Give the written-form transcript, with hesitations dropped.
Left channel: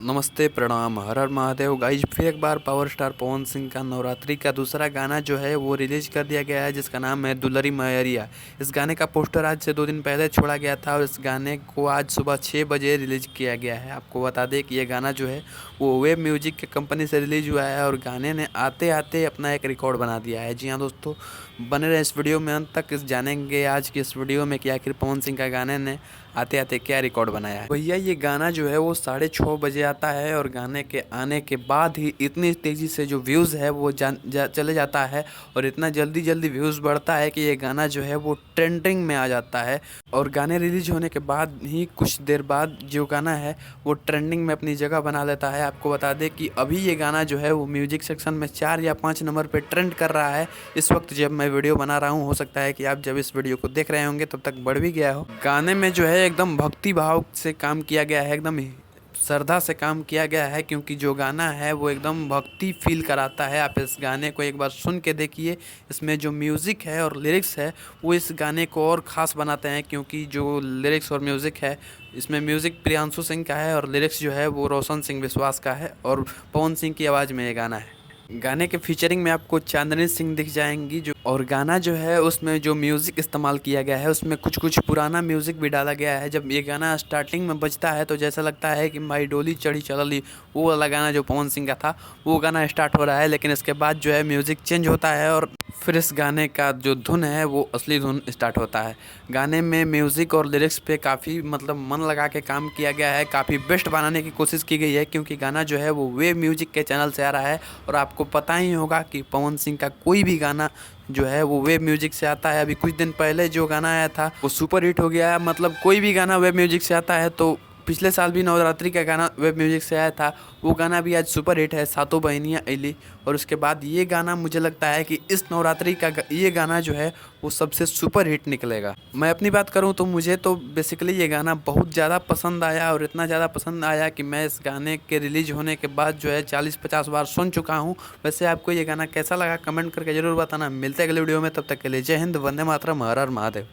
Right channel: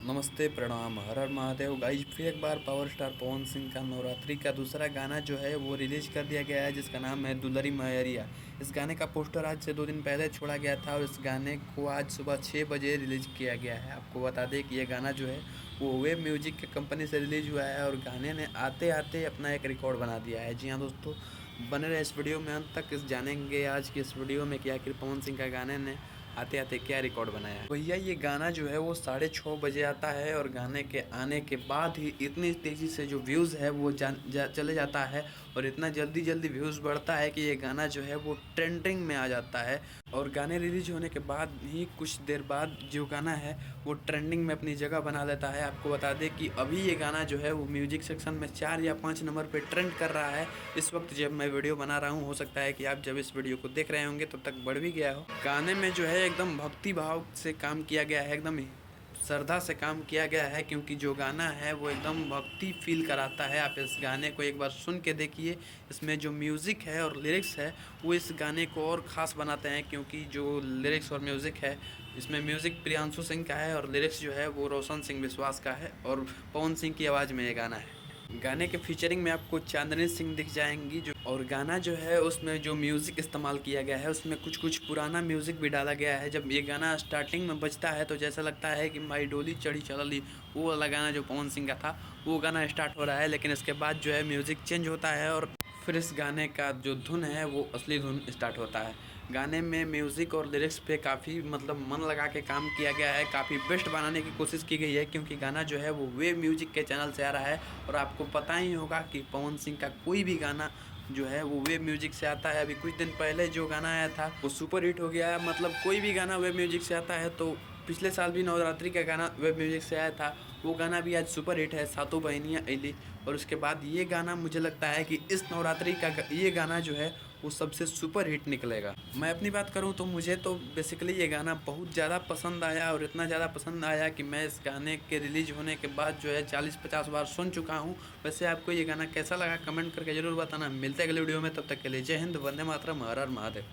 नमस्ते प्रणाम हर हर महादेव गाइज। फिर एक बार पावर स्टार पवन सिंह का नवरात्रि का दूसरा गाना जो है वो रिलीज कर दिया गया है, जिसका नाम है दुलरी मैरिया। इस गाने का पोस्टर आज से 2 दिन पहले छोड़ा गया था और इस गाने को आज सुबह 6 बजे रिलीज किया गया है। आपको बता दें कि ये गाना जो है वो वेब म्यूजिक के कंपनी से रिलीज हुआ है और गाने ने आते आते अपना एक रिकॉर्ड बना दिया है। जी हाँ दोस्तों, बने रहे इस वीडियो में अंत तक। जानेंगे आज की इस वीडियो में कि आखिर पवन सिंह का गाने ने आते आते क्या रिकॉर्ड बनाया है। भैया ये गाना जो है वो 6:30 बजे आता है और गाने के आने के बाद ही इतनी तेज़ी से जो व्यूज़ है वो चले जाता है और इतना जल्दी जल्दी व्यूज़ बढ़ता है कि ये गाना जो है वो ट्रेंडिंग में आ जाता है। और गाने रिलीज होने के बाद ही कुछ देर बाद जो गाना है वो ट्रेंडिंग में अपनी जगह बना लेता है। आपको बता दें कि अभी ये गाना जो है वो म्यूजिक सेक्शन में 4 या 5 नंबर पे ट्रेंड कर रहा है इस वक्त जब मैं वीडियो बना रहा हूँ। हो सकता है कि आप जब इस वीडियो को देख रहे होंगे तब तक बढ़ भी गया हो। गाने में जो है एकदम भक्ति भाव से काम किया गया है, एकदम श्रद्धा से काम किया गया है, क्योंकि जो गाना है वो एकदम भक्ति फील कराता है। आप इस गाने को एक बार सुन के देखिए। इसमें जो म्यूज़िक है और लिरिक्स है वो इस गाने को और ख़ास बनाते हैं, क्योंकि जो लिरिक्स और म्यूज़िक है इसमें म्यूज़िक प्रियांशु सिंह का है और लिरिक्स जो है वो रोशन सिंह विश्वास का है और पवन सिंह की आवाज़ में ये गाना है। गाने के फीचरिंग में आपको चांदनी सिंह दिख जाएंगी जो, और गाना जो है उसमें जो म्यूज़िक इस्तेमाल किया गया है उसमें कुछ कुछ पुराना म्यूज़िक भी डाला गया है। जब ये गाना स्टार्टिंग में बजता है तो जैसा लगता है कि माई डोली चढ़ी चलली, वो वाला गाना जो पवन सिंह का था वो गाना स्टार्ट हो रहा है। लेकिन इसके बाद जो है म्यूज़िक चेंज होता है और फिर इस गाने का जो धुन है वो असली धुन स्टार्ट होता है। गाने में म्यूज़िक और लिरिक्स पे काफ़ी मन लगा के काम किया गया है, काफ़ी बेस्ट बनाने की कोशिश की गई है, क्योंकि गाना जो है वो वेव म्यूजिक के चैनल से आ रहा है। और आपको पता ही होगा कि पवन सिंह का कोई भी गाना जो है वो वेब म्यूजिक से आता है। अभी कुछ दिन पहले जो गाना आया था वो सुपर हिट हो गया है। मतलब कोई भी गाना वेब म्यूजिक से आता है, तो पिछले साल भी नवरात्रि का गाना वेब म्यूजिक से आया था, वो गाना भी आज सुपर हिट है, सातों बहनियाँ अली। और उसके बाद ये गाना मुझे लगता है कि इस नवरात्रि का ये गाना जो है वो सबसे सुपर हिट निकलेगा। मैं अपनी बात करूं तो मुझे तो बेसिकली ये गाना बहुत ज़्यादा पसंद आया और इतना ज़्यादा पसंद आया कि मैं इस गाने के रिलीज होने के बाद जो है 40-50 बार सुन चुका हूं। वैसे आपको ये गाना कैसा लगा कमेंट करके ज़रूर बताना। मिलते हैं अगले वीडियो में, तब तक के लिए जय हिंद, वंदे मातरम, हर हर महादेव।